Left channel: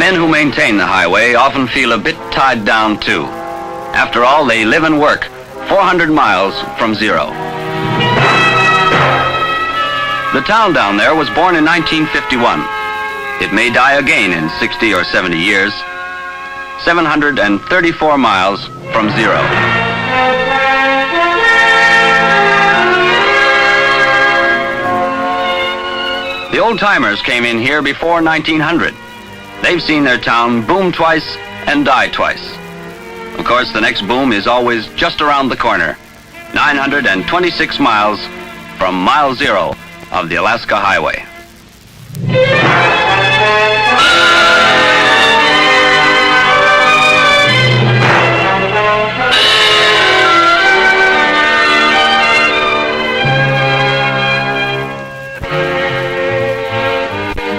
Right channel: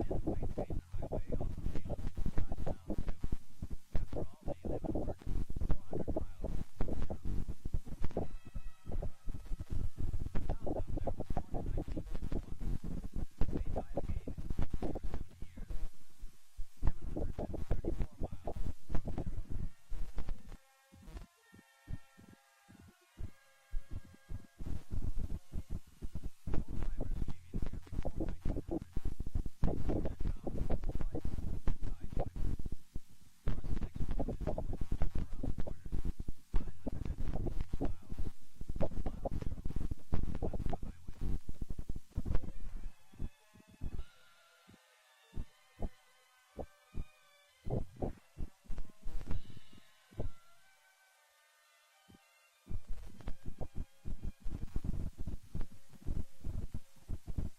men who maintain the highway often feel a bit tied down too. After all, they live and work 400 miles from zero. The town down there was born in 1951. It may die again in 60 or 70 years. 734 miles from zero. The old-timers came in here before 1900. They've seen their town boom twice and die twice. Of course, the next boom is always just around the corner, 926 miles from mile zero of the Alaska Highway.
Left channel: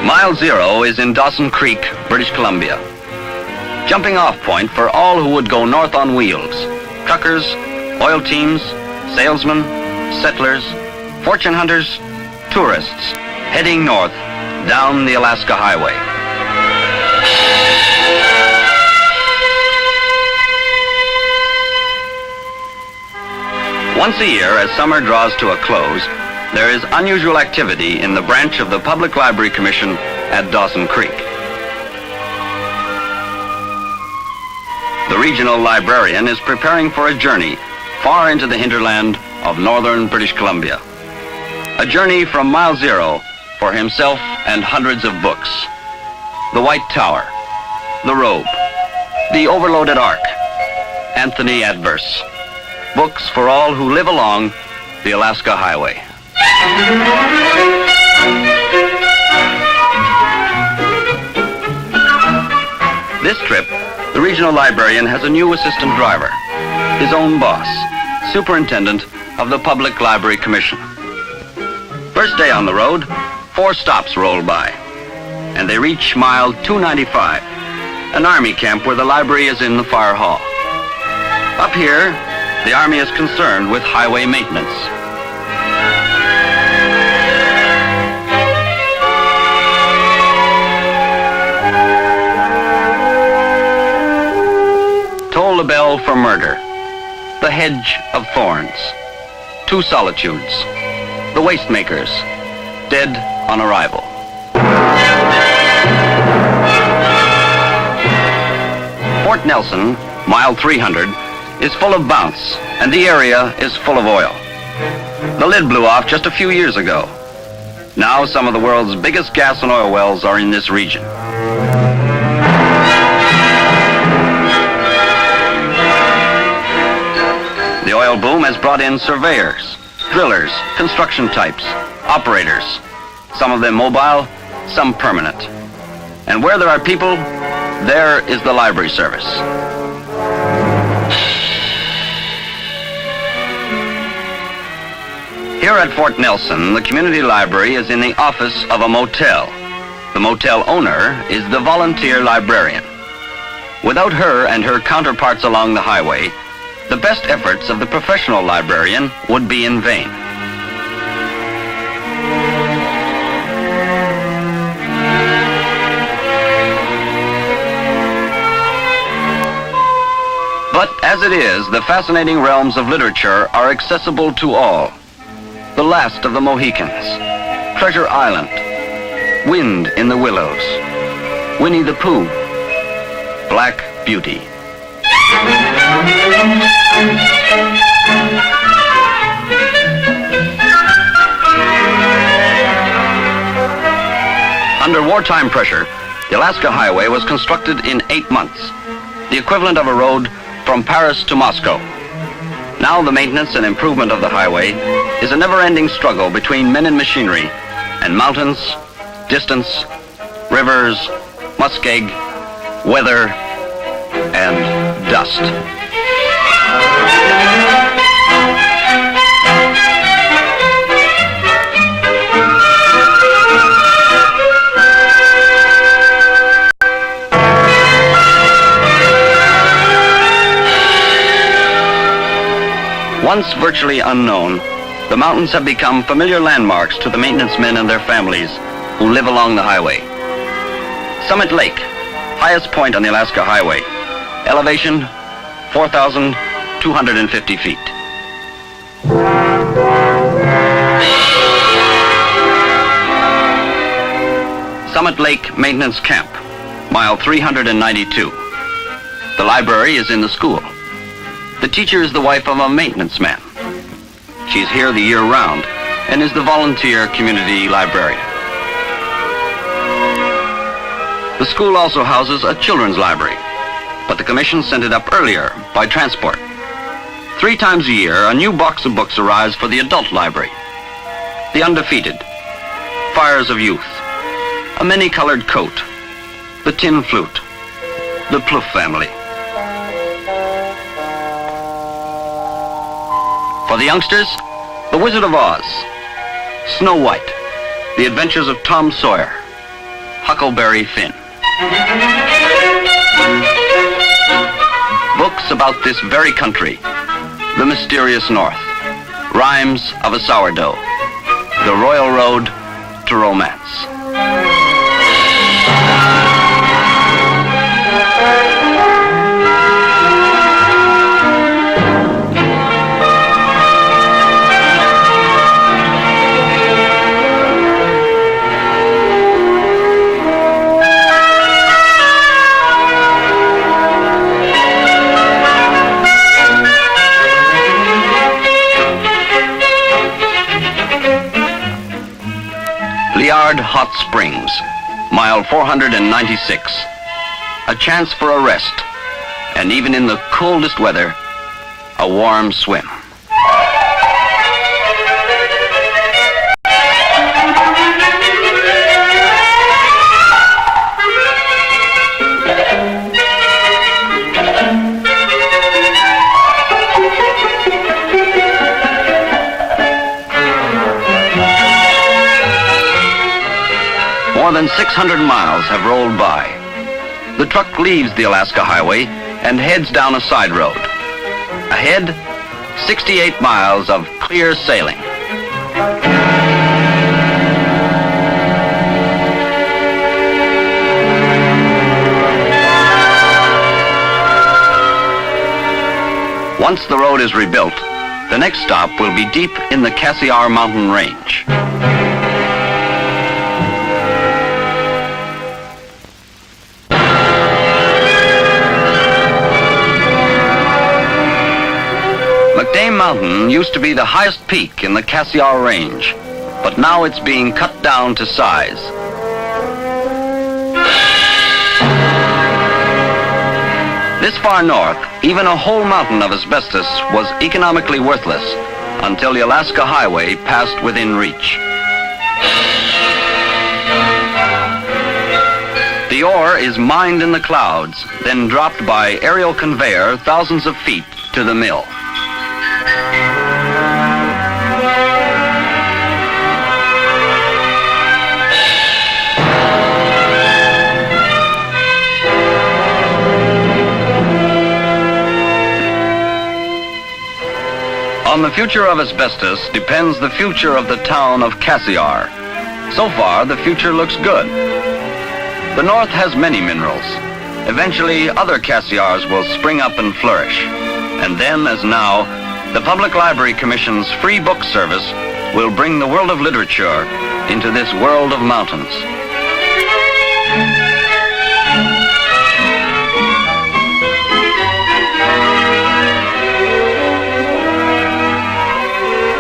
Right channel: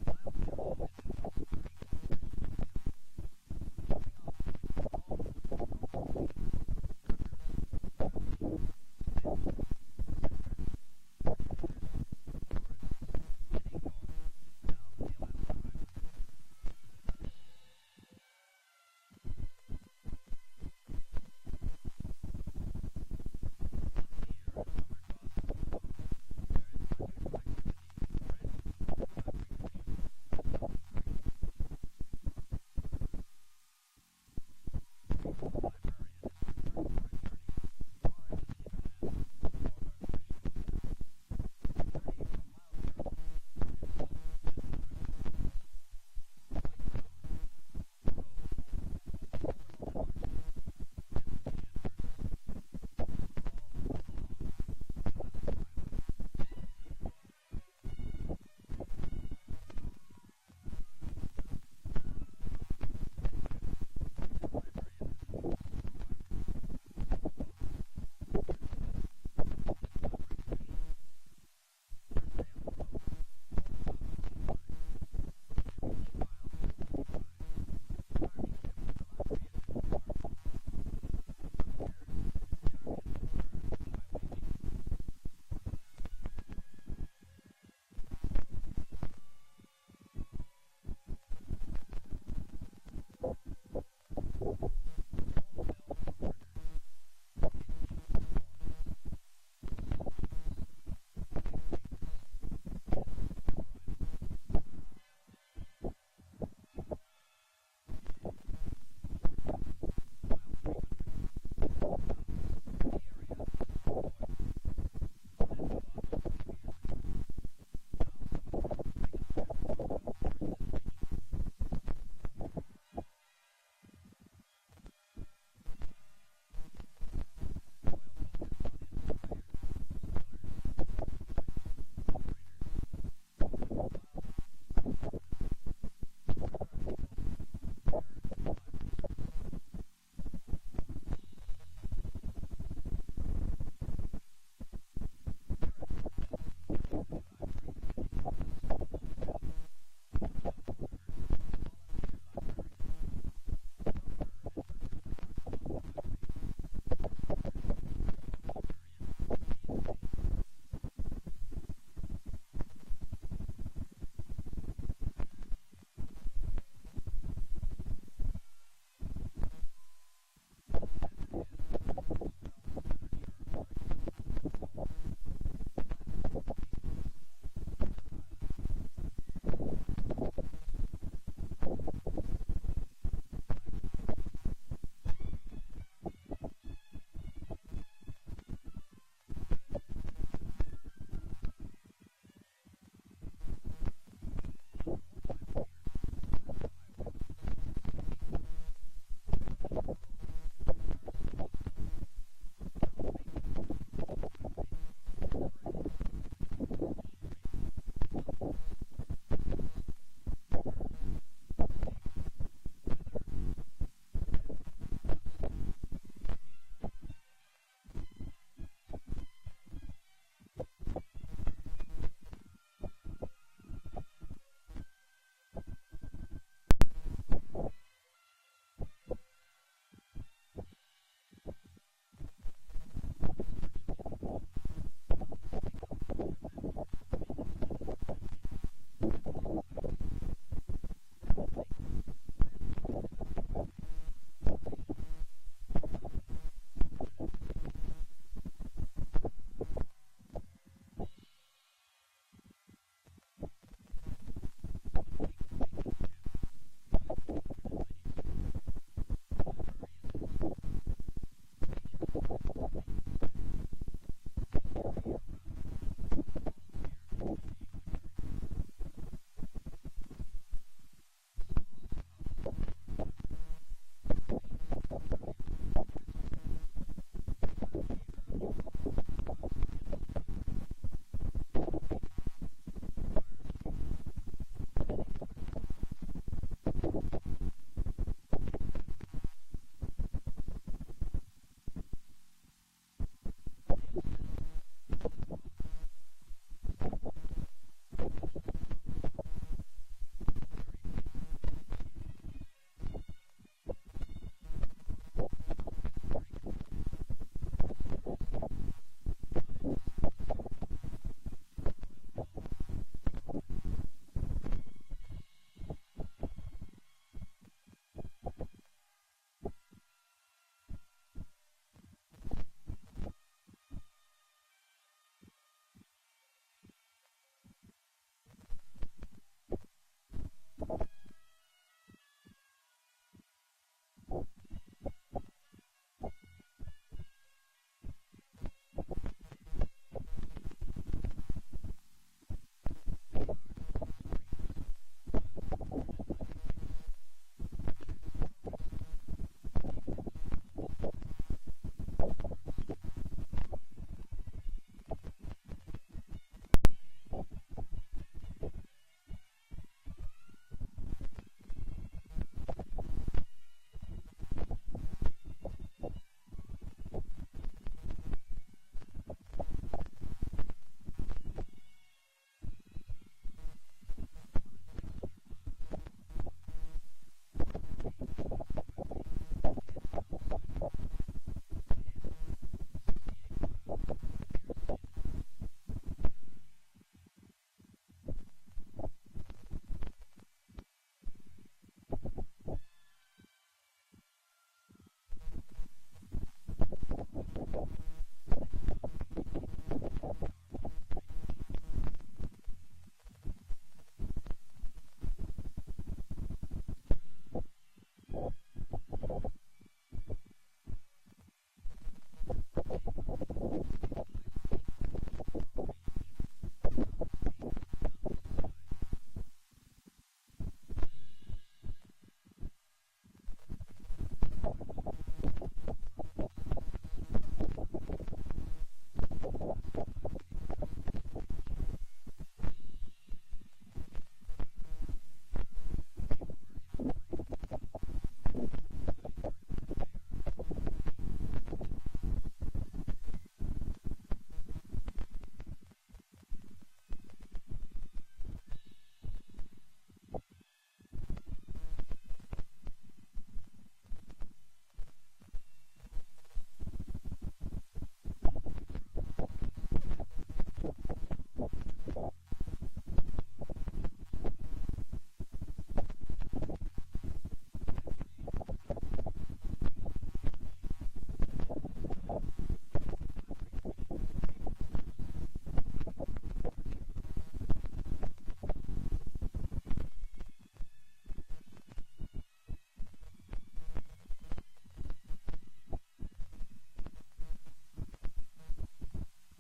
Mile zero is in Dawson Creek, British Columbia. Jumping off point for all who would go north on wheels. Truckers, oil teams, salesmen, settlers, fortune hunters, tourists heading north down the Alaska Highway. Once a year, as summer draws to a close, there is unusual activity in the branch of the Public Library Commission at Dawson Creek. The regional librarian is preparing for a journey far into the hinterland of northern British Columbia. A journey from mile zero for himself and hundreds of books. The White Tower, The Robe, The Overloaded Ark, Anthony Adverse. Books for all who live along the Alaska Highway. This trip, the regional librarian has a new assistant driver, his own boss, superintendent of the Public Library Commission. First day on the road, 4 stops roll by, and they reach mile 295, an Army camp where the library is in the fire hall. Up here, the Army is concerned with highway maintenance. Toll the bell for murder. The hedge of thorns. 2 solitudes. The wastemakers, dead on arrival. Fort Nelson, mile 300, is full of bounce, and the area is full of oil. The lid blew off just a few years ago. Now some of the world's biggest gas and oil wells are in this region. The oil boom has brought in surveyors, drillers, construction types, operators, some of them mobile, some permanent. And where there are people, there is the library service. Here at Fort Nelson, the community library is in the office of a motel. The motel owner is the volunteer librarian. Without her and her counterparts along the highway, the best efforts of the professional librarian would be in vain. But as it is, the fascinating realms of literature are accessible to all. The Last of the Mohicans, Treasure Island, Wind in the Willows, Winnie the Pooh, Black Beauty. Under wartime pressure, the Alaska Highway was constructed in 8 months, the equivalent of a road from Paris to Moscow. Now the maintenance and improvement of the highway is a never-ending struggle between men and machinery, and mountains, distance, rivers, muskeg, weather, and dust. Once virtually unknown, the mountains have become familiar landmarks to the maintenance men and their families who live along the highway. Summit Lake, highest point on the Alaska Highway. Elevation, 4,250 feet. Summit Lake Maintenance Camp, mile 392. The library is in the school. The teacher is the wife of a maintenance man. She's here the year round and is the volunteer community librarian. The school also houses a children's library, but the commission sent it up earlier by transport. 3 times a year, a new box of books arrives for the adult library. The Undefeated, Fires of Youth, A Many-Colored Coat, The Tin Flute, The Plouffe Family. For the youngsters, The Wizard of Oz, Snow White, The Adventures of Tom Sawyer, Huckleberry Finn. Books about this very country, the mysterious North, Rhymes of a Sourdough, The Royal Road to Romance. Liard Hot Springs, mile 496. A chance for a rest, and even in the coldest weather, a warm swim. More than 600 miles have rolled by. The truck leaves the Alaska Highway and heads down a side road. Ahead, 68 miles of clear sailing. Once the road is rebuilt, the next stop will be deep in the Cassiar mountain range. McDame Mountain used to be the highest peak in the Cassiar Range, but now it's being cut down to size. This far north, even a whole mountain of asbestos was economically worthless until the Alaska Highway passed within reach. The ore is mined in the clouds, then dropped by aerial conveyor thousands of feet to the mill. On the future of asbestos depends the future of the town of Cassiar. So far, the future looks good. The North has many minerals. Eventually, other Cassiars will spring up and flourish. And then, as now, the Public Library Commission's free book service will bring the world of literature into this world of mountains.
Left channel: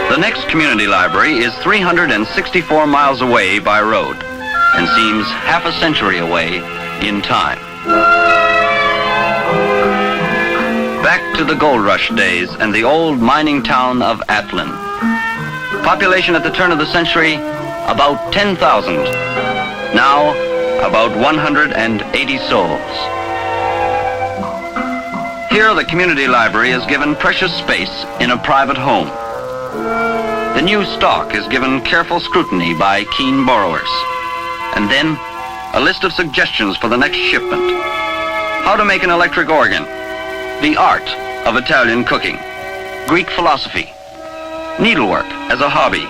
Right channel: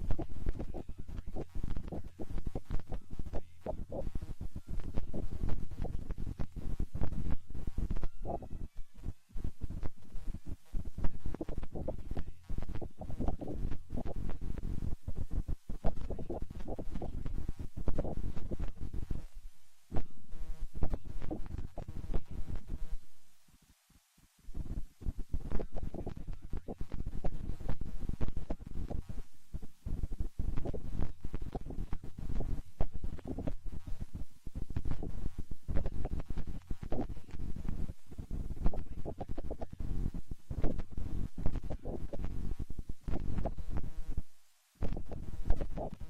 The next community library is 364 miles away by road and seems half a century away in time. Back to the gold rush days and the old mining town of Atlin. Population at the turn of the century, about 10,000. Now, about 180 souls. Here, the community library is given precious space in a private home. The new stock is given careful scrutiny by keen borrowers. And then, a list of suggestions for the next shipment. How to make an electric organ. The art of Italian cooking. Greek philosophy. Needlework as a hobby.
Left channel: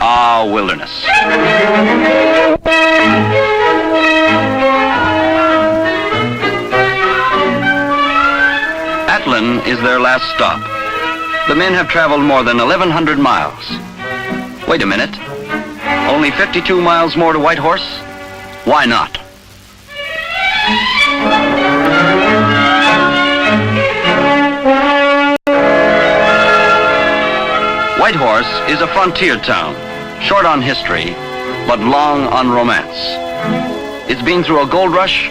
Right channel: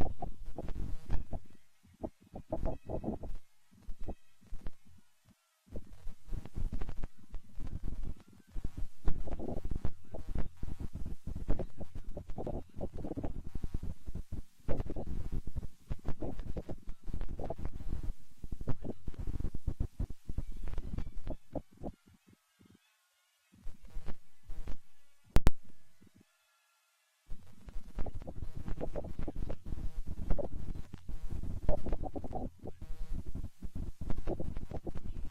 Ah, wilderness. Librarian is their last stop. The men have traveled more than 1,100 miles. Wait a minute. Only 52 miles more to Whitehorse? Why not? Whitehorse is a frontier town, short on history, but long on romance. It's been through a gold rush,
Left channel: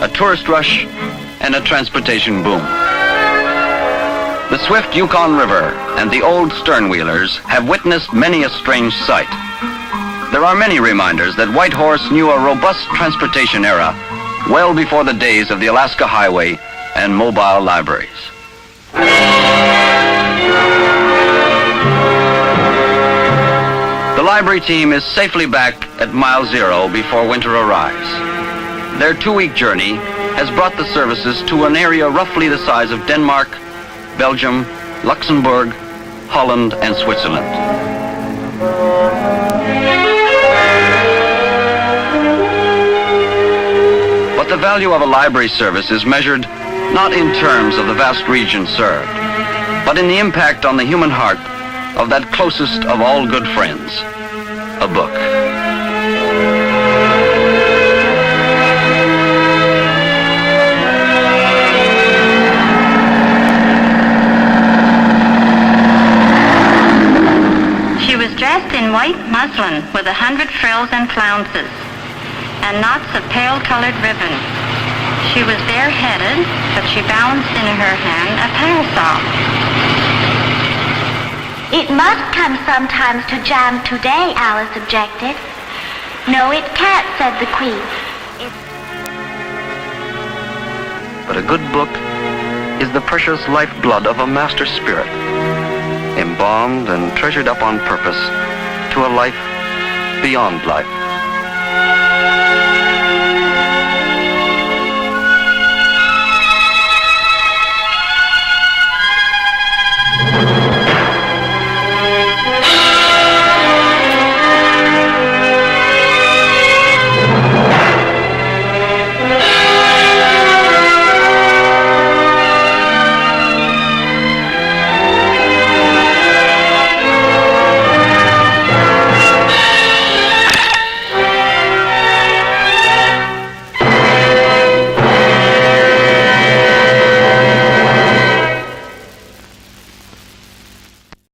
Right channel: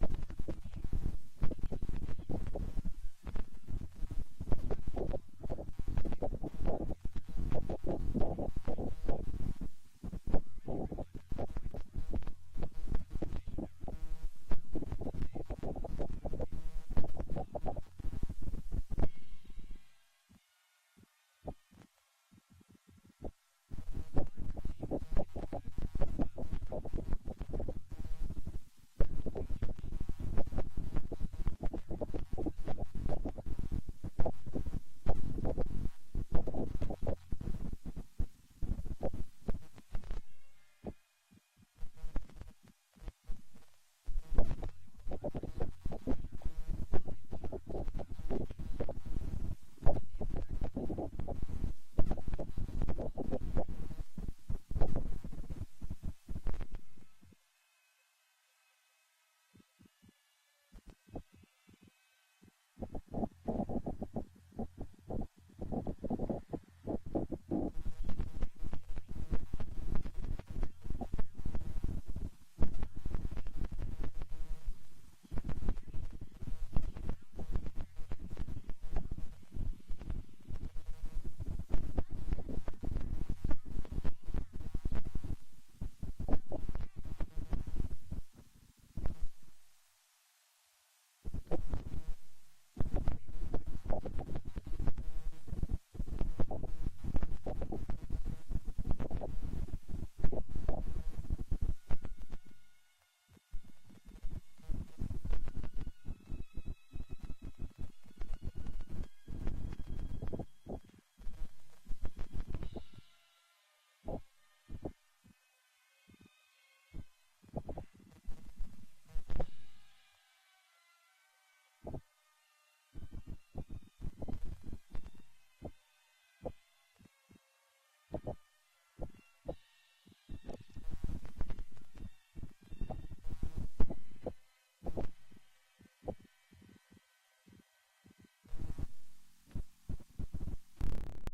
a tourist rush, and a transportation boom. The swift Yukon River and the old sternwheelers have witnessed many a strange sight. There are many reminders that Whitehorse knew a robust transportation era well before the days of the Alaska Highway and mobile libraries. The library team is safely back at Mile Zero before winter arrives. Their 2-week journey has brought the services to an area roughly the size of Denmark, Belgium, Luxembourg, Holland, and Switzerland. But the value of a library service is measured not in terms of the vast region served, but in the impact on the human heart of that closest of all good friends, a book. She was dressed in white muslin with 100 frills and flounces and knots of pale-colored ribbon. She was bareheaded, but she balanced in her hand a parasol. It must come sometimes to jam today, Alice objected. No, it can't, said the Queen. But a good book is the precious lifeblood of a master spirit, embalmed and treasured up on purpose to a life beyond life.